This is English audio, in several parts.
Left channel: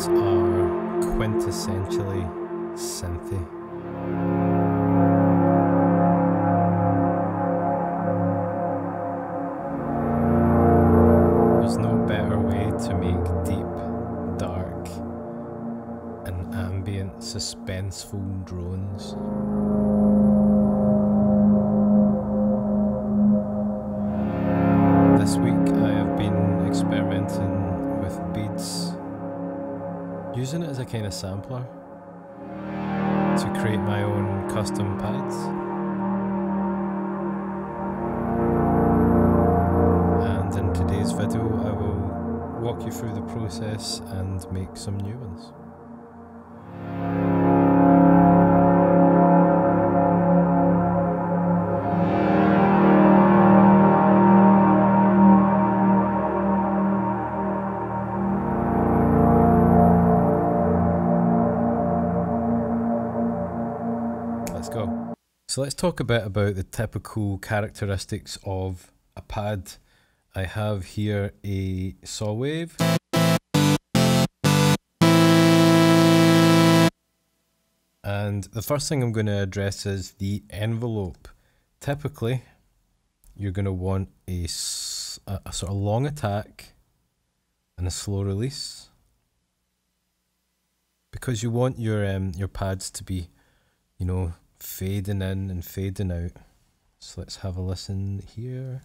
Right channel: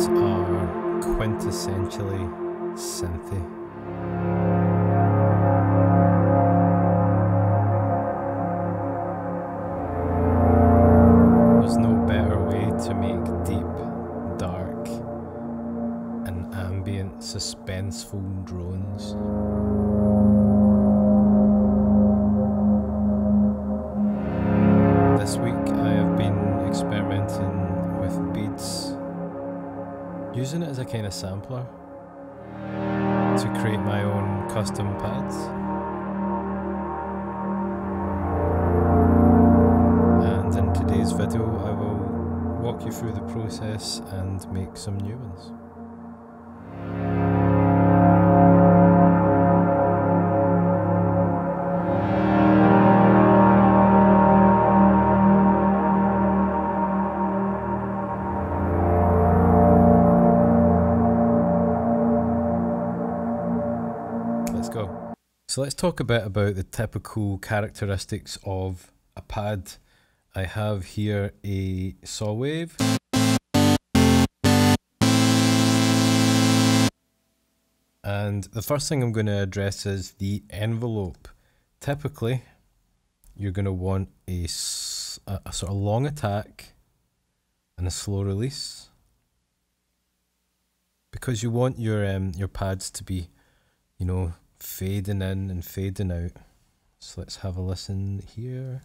instruments are quintessentially synthy. There's no better way to make deep, dark, and ambient, suspenseful drones. This week I have been experimenting with beads, using it as a kind of sampler to create my own custom pads. And in today's video I will walk you through the process and make some new ones. Let's go. So let's talk a bit about the typical characteristics of a pad. I have here a saw wave, and the first thing I'm going to address is the envelope. Typically you're going to want a sort of long attack and a slow release, because you want your pads to be, you know, fading in and fading out. So let's have a listen here.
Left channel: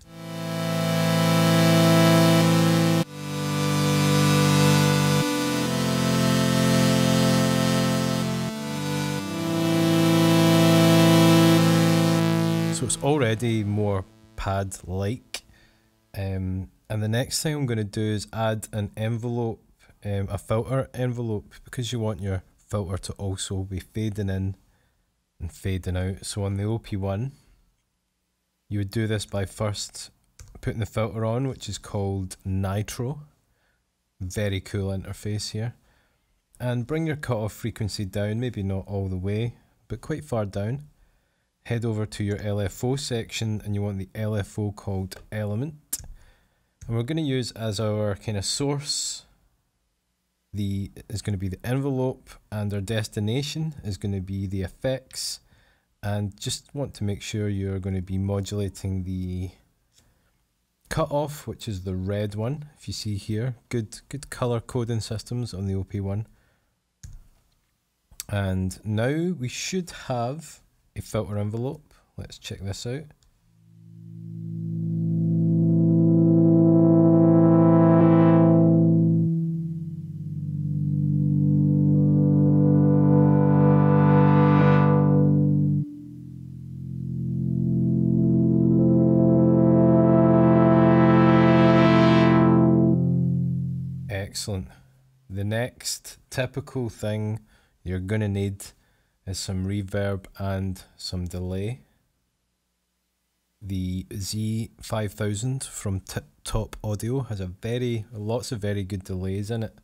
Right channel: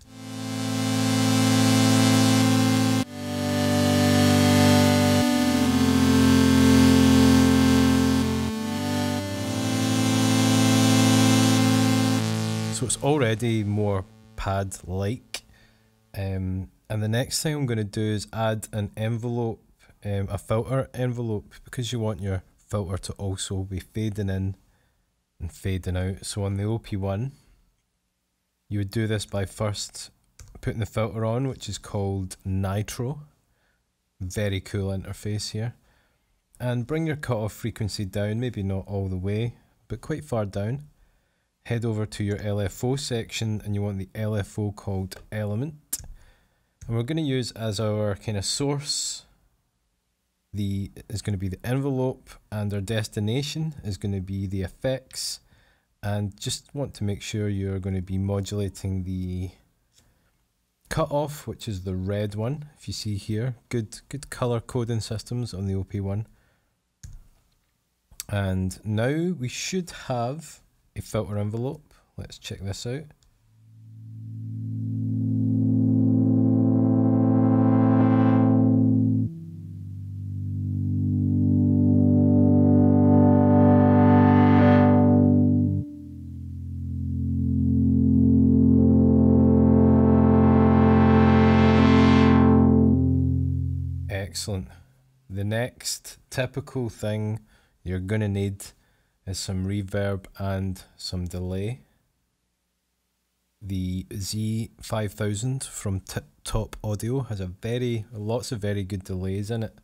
So it's already more pad-like. And the next thing I'm going to do is add an envelope, a filter envelope, because you want your filter to also be fading in and fading out. So on the OP1, you would do this by first putting the filter on, which is called Nitro. Very cool interface here. And bring your cutoff frequency down, maybe not all the way, but quite far down. Head over to your LFO section, and you want the LFO called Element. And we're going to use as our kind of source is going to be the envelope, and our destination is going to be the effects. And just want to make sure you're going to be modulating the cutoff, which is the red one. If you see here, good color coding systems on the OP1. And now we should have a filter envelope. Let's check this out. Excellent. The next typical thing you're going to need is some reverb and some delay. The Z5000 from Top Audio has lots of very good delays in it.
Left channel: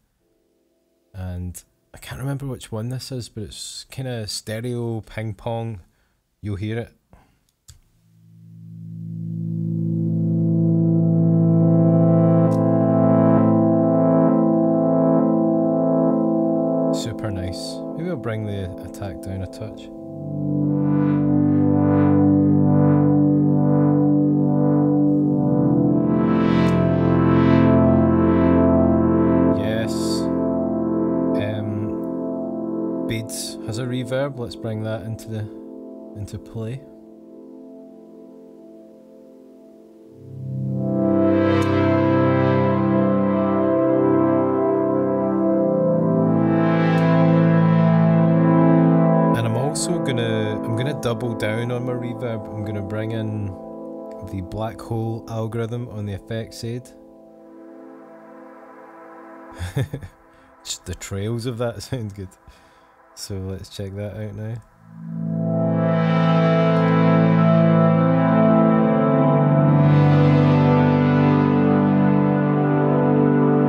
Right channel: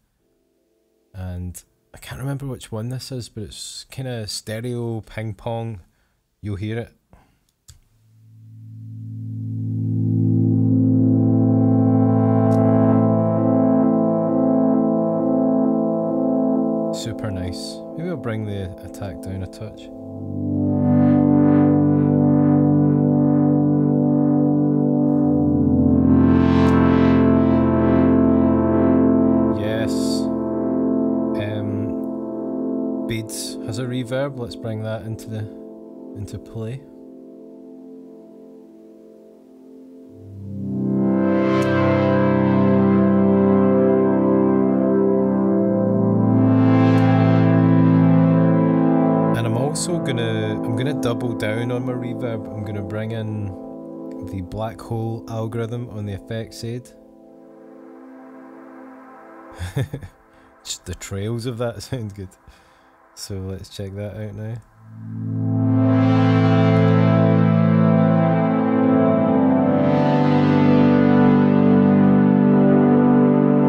And I can't remember which one this is, but it's kind of stereo ping pong. You'll hear it. Super nice. Maybe I'll bring the attack down a touch. Yes. Beads has a reverb. Let's bring that into play. And I'm also gonna double down on my reverb. I'm gonna bring in the black hole algorithm on the effects aid. Just the trails of that sound good. So let's check that out now.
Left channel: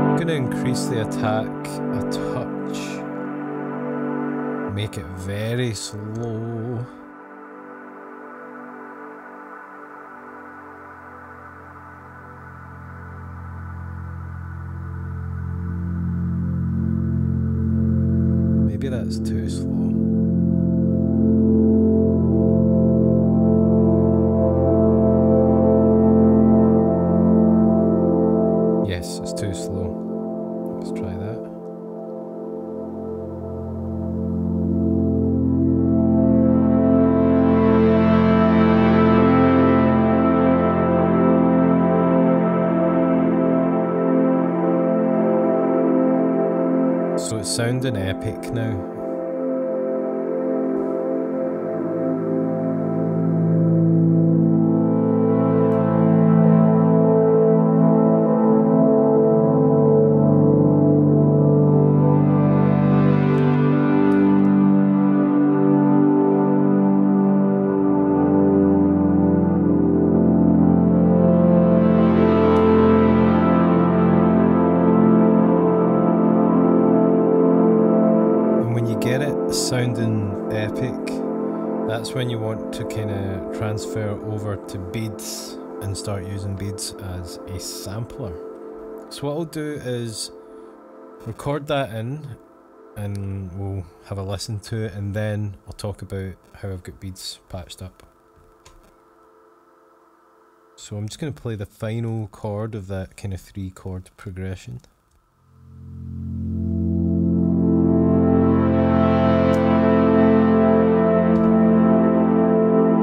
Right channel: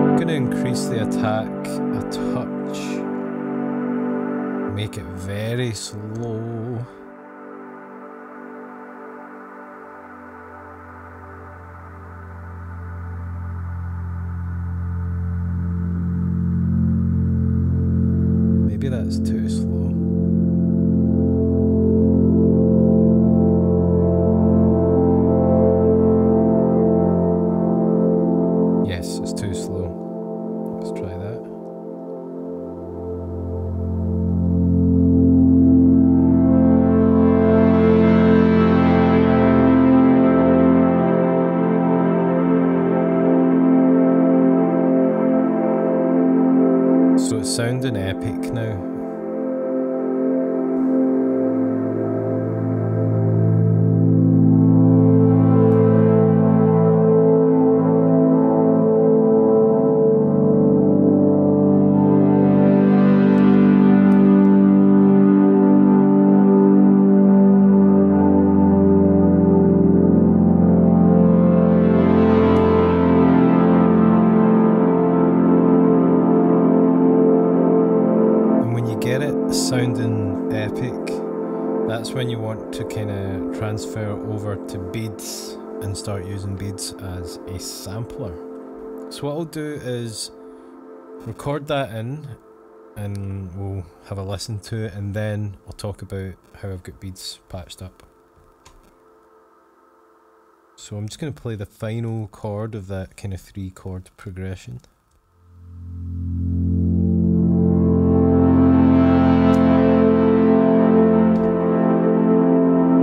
I'm gonna increase the attack a touch. Make it very slow. maybe that's too slow. Yes, it's too slow. Let's try that. So it's sounding epic now. Get it sounding epic, that's when you want to kind of transfer over to beads and start using beads as a sampler. So what I'll do is record that in and we'll have a listen to it, and then I'll talk about how I've got beads patched up. So I'm just going to play the final chord of that kind of 3-chord progression.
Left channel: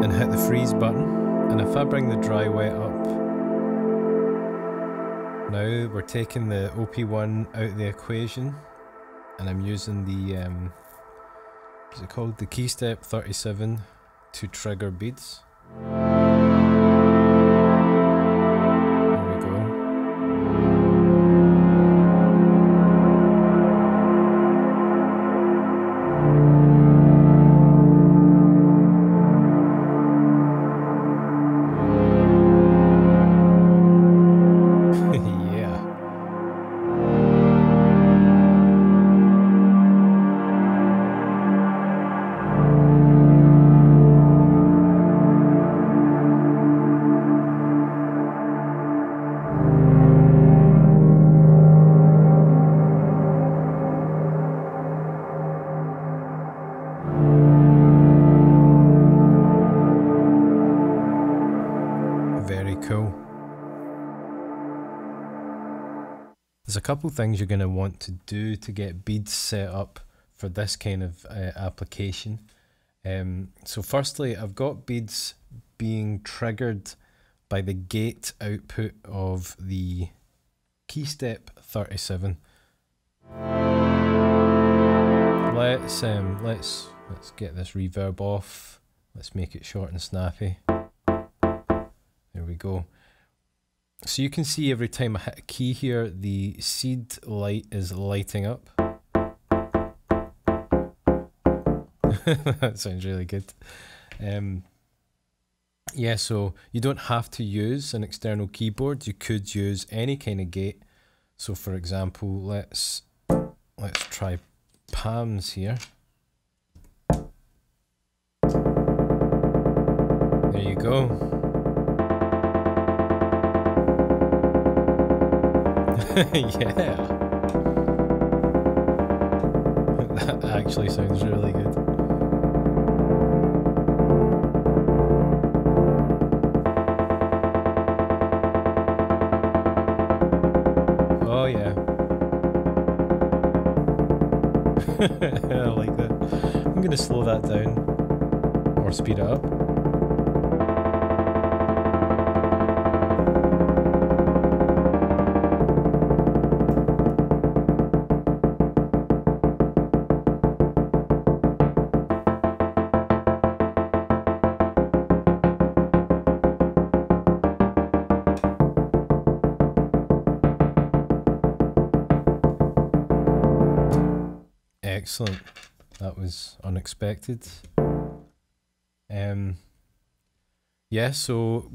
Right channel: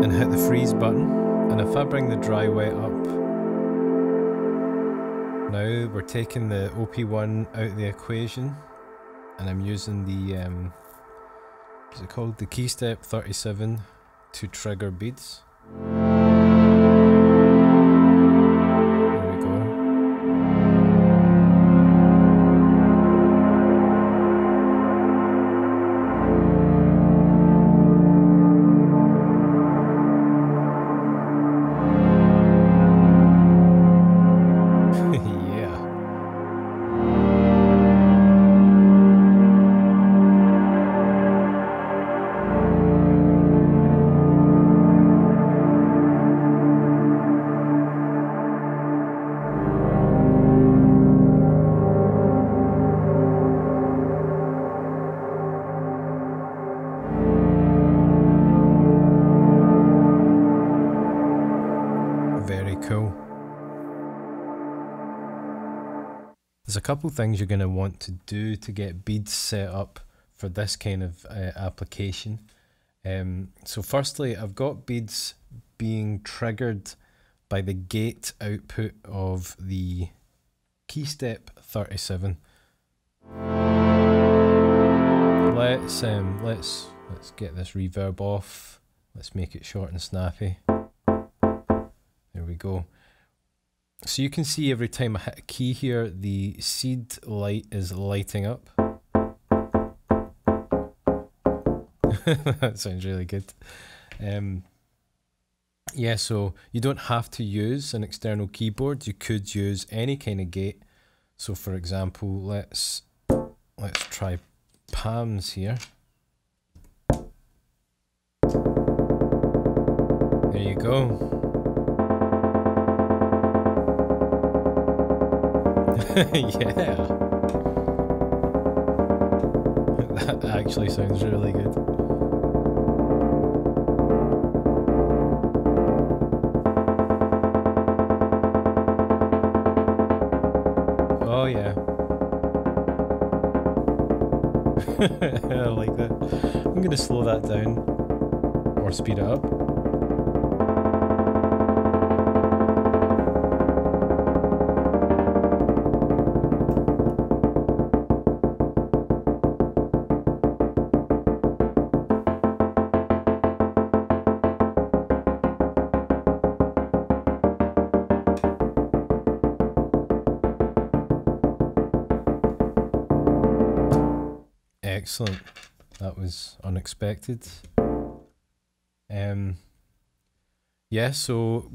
And hit the freeze button, and if I bring the dry wet up, now we're taking the OP1 out of the equation, and I'm using the what's it called, the key step 37 to trigger beads. There we go. Yeah. Very cool. There's a couple things you're going to want to do to get beads set up for this kind of application. So firstly, I've got beads being triggered by the gate output of the key step 37. Let's get this reverb off. Let's make it short and snappy. There we go. So you can see every time I hit a key here, the seed light is lighting up. That sounds really good. Yeah, so you don't have to use an external keyboard. You could use any kind of gate. So for example, let's try palms here. There you go. Yeah. That actually sounds really good. Oh yeah. I like that. I'm gonna slow that down or speed it up. Excellent. That was unexpected. Yeah, so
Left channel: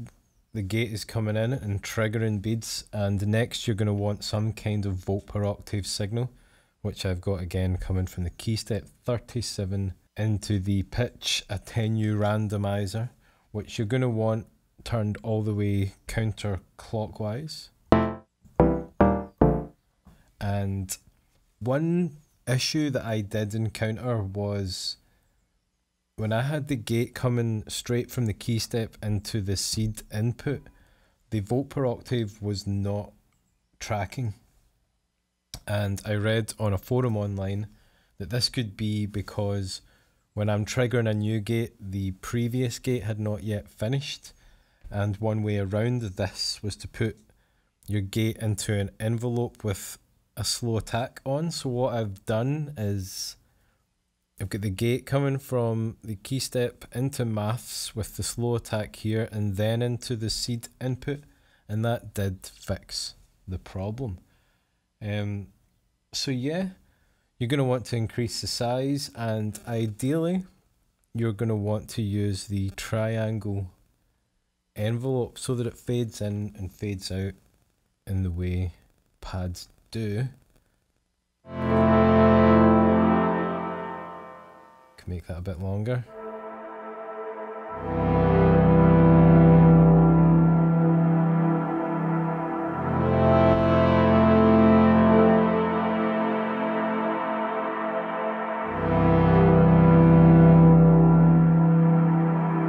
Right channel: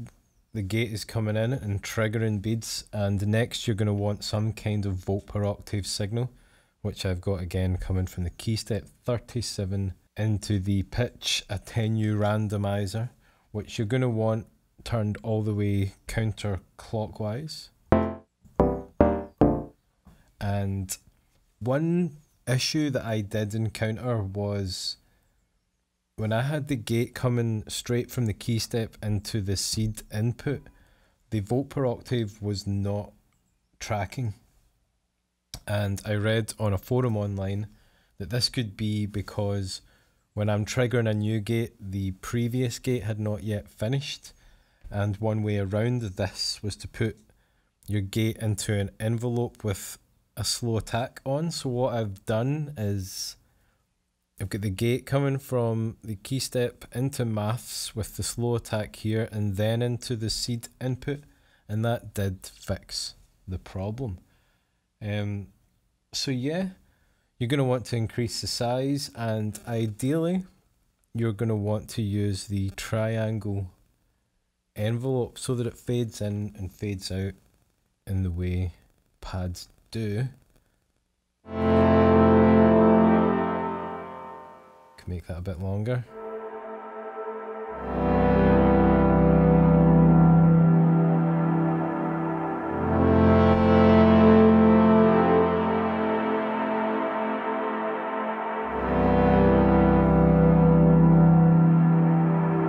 the gate is coming in and triggering beads, and next you're going to want some kind of volt per octave signal, which I've got again coming from the key step 37 into the pitch attenue randomizer, which you're going to want turned all the way counterclockwise. And one issue that I did encounter was when I had the gate coming straight from the key step into the seed input, the volt per octave was not tracking. And I read on a forum online that this could be because when I'm triggering a new gate, the previous gate had not yet finished. And one way around this was to put your gate into an envelope with a slow attack on. So what I've done is I've got the gate coming from the key step into maths with the slow attack here and then into the seed input, and that did fix the problem. So yeah, you're going to want to increase the size, and ideally you're going to want to use the triangle envelope so that it fades in and fades out in the way pads do. Can make that a bit longer.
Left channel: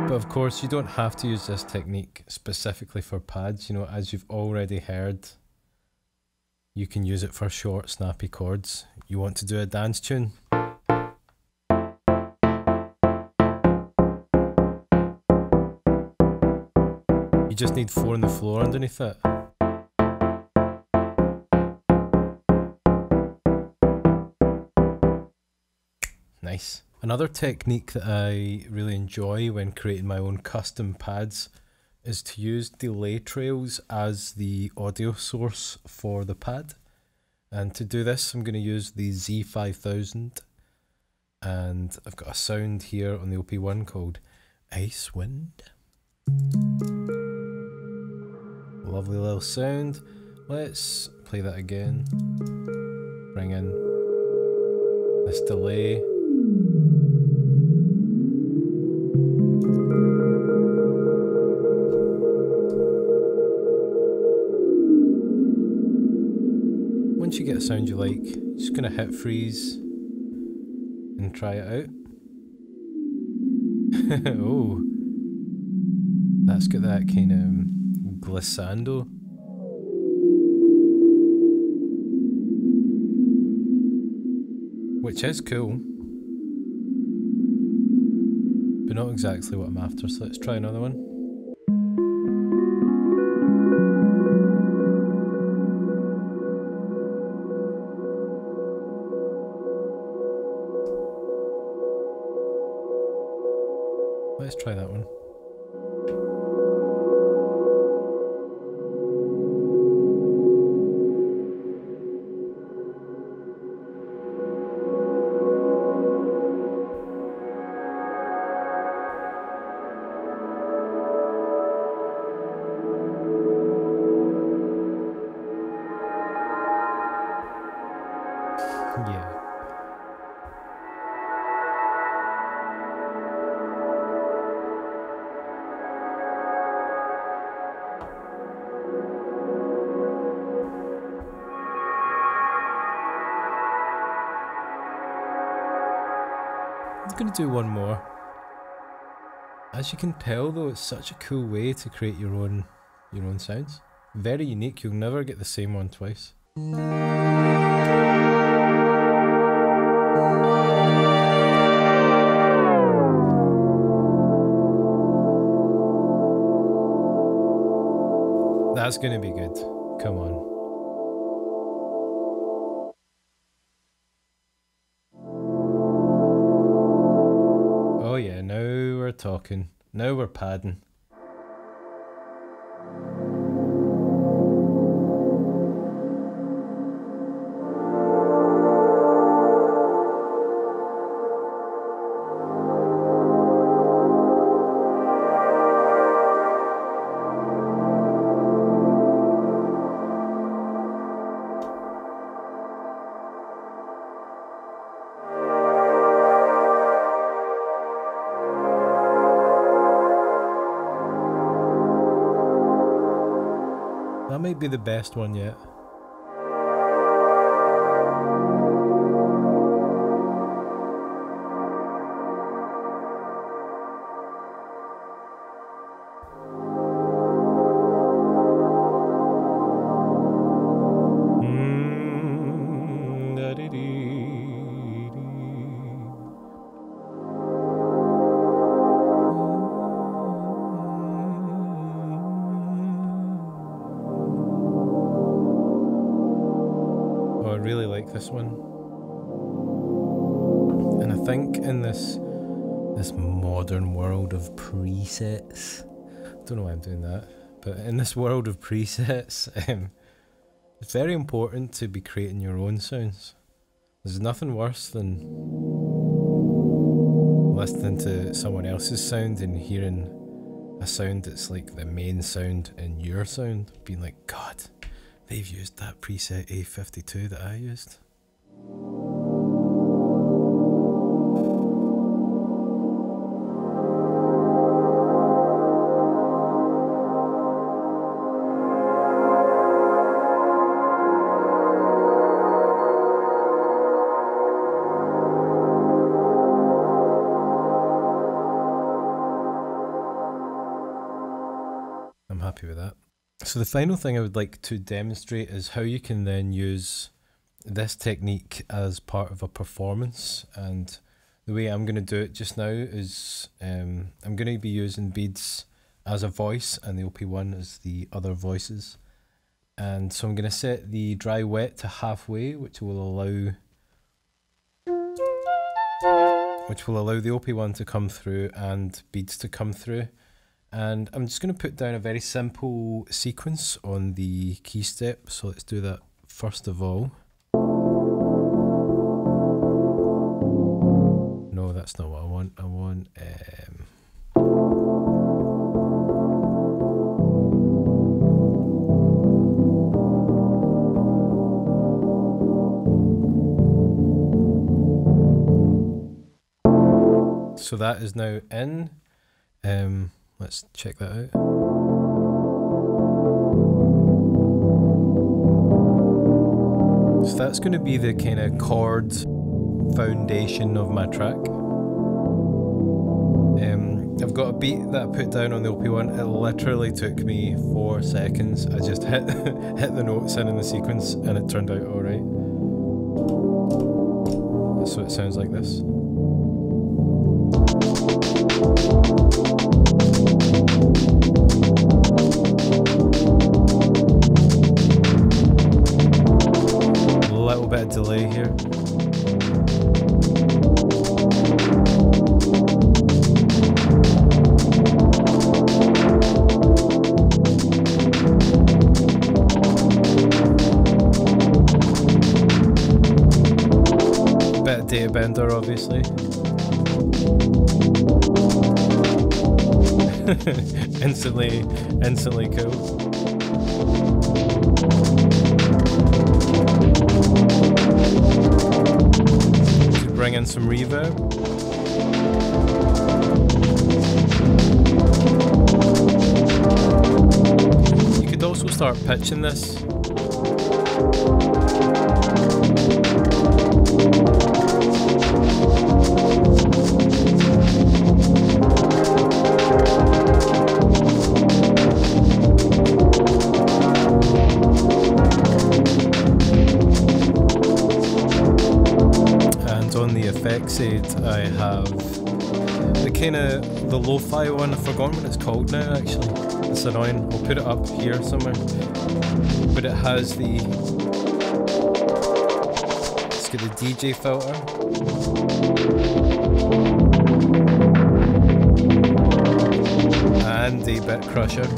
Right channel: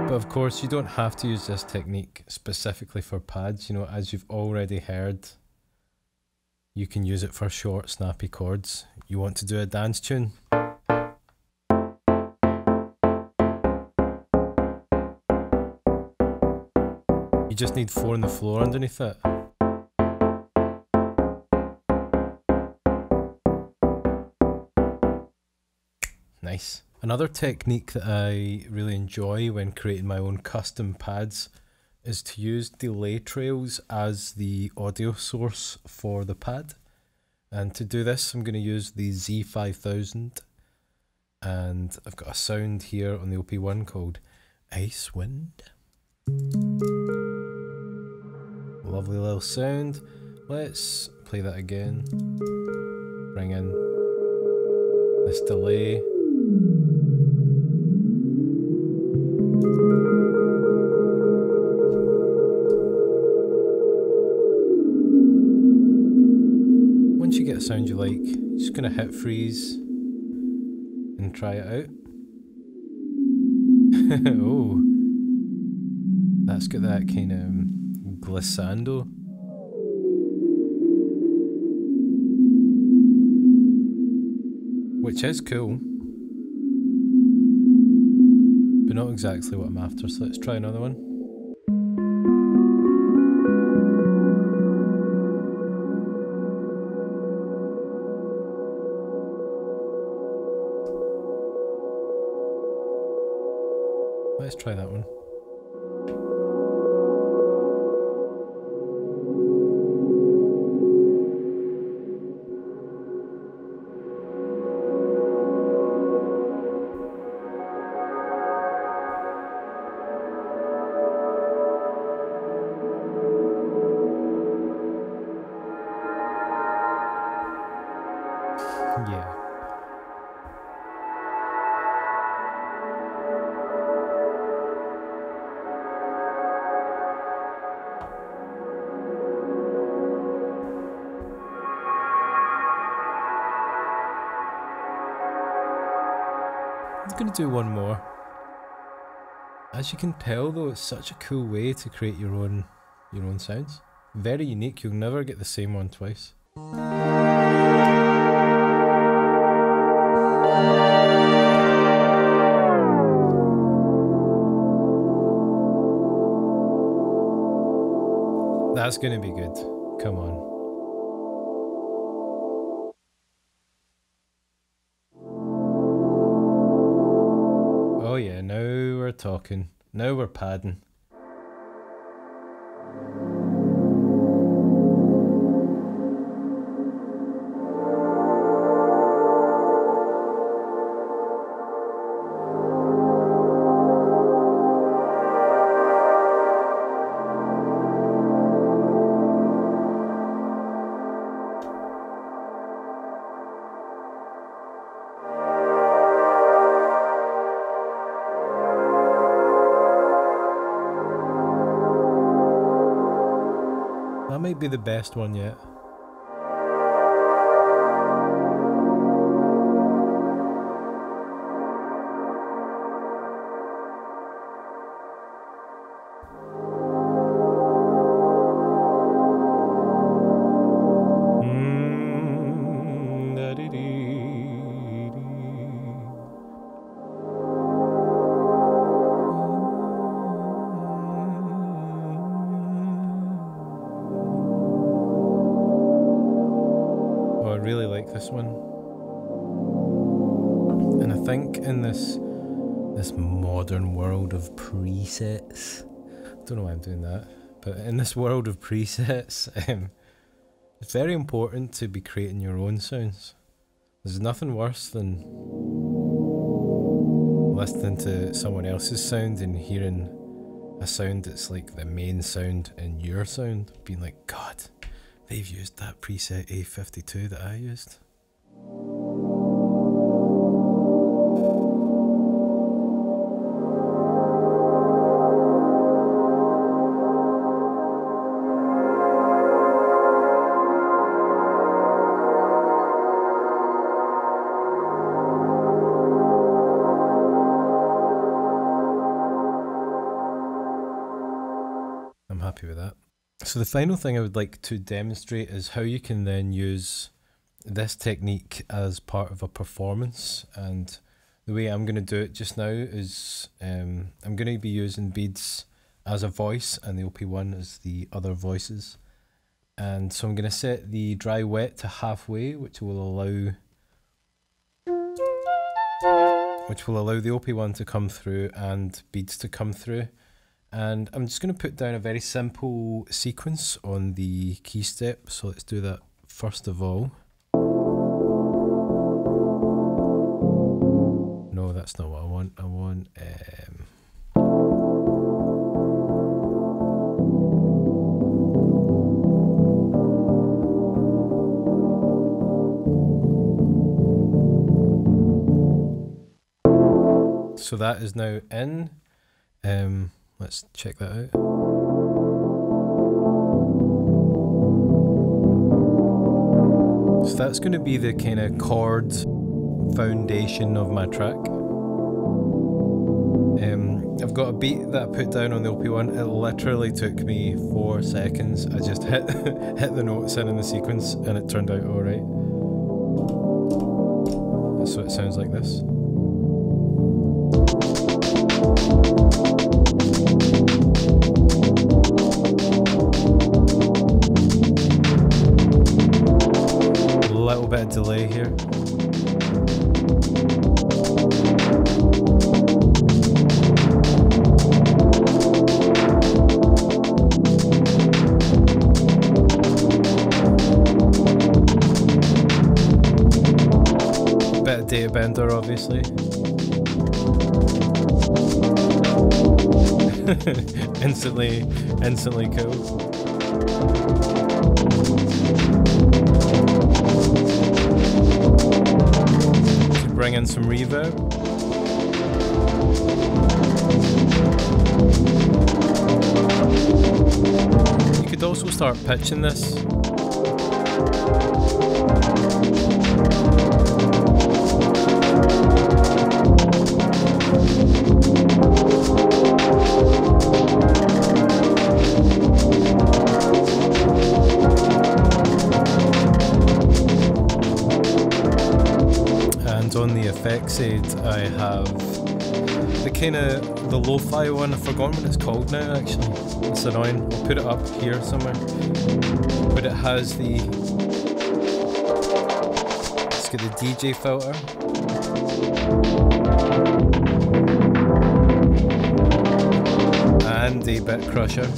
But of course, you don't have to use this technique specifically for pads. You know, as you've already heard, you can use it for short, snappy chords. You want to do a dance tune? You just need 4 on the floor underneath it. Nice. Another technique that I really enjoy when creating my own custom pads is to use delay trails as the audio source for the pad. And to do this, I'm going to use the Z5000, and I've got a sound here on the OP1 called Ice Wind. Lovely little sound. Let's play that again. Bring in this delay. Once you get a sound you like, you're just going to hit freeze and try it out. Oh, that's got that kind of glissando. Which is cool, but not exactly what I'm after, so let's try another one. Let's try that one. Yeah. I'm going to do one more. As you can tell though, it's such a cool way to create your own sounds. Very unique, you'll never get the same one twice. That's going to be good. Come on. Oh yeah, now we're talking. Now we're padding. That might be the best one yet. this one. And I think in this modern world of presets, I don't know why I'm doing that, but in this world of presets, it's very important to be creating your own sounds. There's nothing worse than listening to someone else's sound and hearing a sound that's like the main sound in your sound, being like, God, they've used that preset A52 that I used. I'm happy with that. So the final thing I would like to demonstrate is how you can then use this technique as part of a performance. And the way I'm going to do it just now is I'm going to be using beads as a voice and the OP1 as the other voices. And so I'm going to set the dry wet to halfway, which will allow the OP1 to come through and beads to come through. And I'm just going to put down a very simple sequence on the key step. So let's do that first of all. No, that's not what I want. I want so that is now in. Let's check that out. So that's going to be the kind of chord foundation of my track. I've got a beat that I put down on the OP1. It literally took me 4 seconds. I just hit the notes in the sequence and it turned out alright. So it sounds like this. Little bit of delay here. Bit of data bender, obviously. instantly cool. Bring in some reverb. You could also start pitching this. On the effects aid, I have the kind of the lo-fi one. I've forgotten what it's called now, actually. It's annoying. I'll put it up here somewhere. But it has the, it's got the DJ filter. And the bit crusher.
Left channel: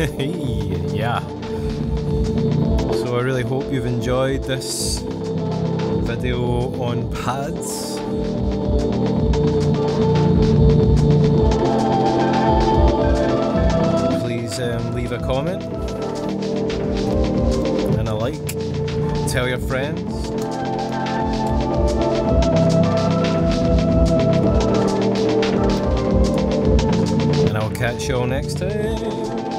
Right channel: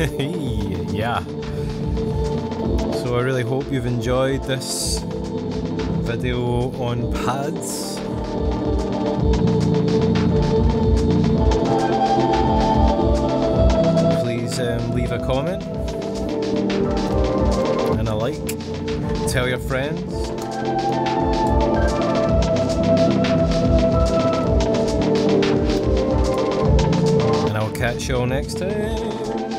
Yeah. So I really hope you've enjoyed this video on pads. Please leave a comment and a like. Tell your friends. And I'll catch you all next time.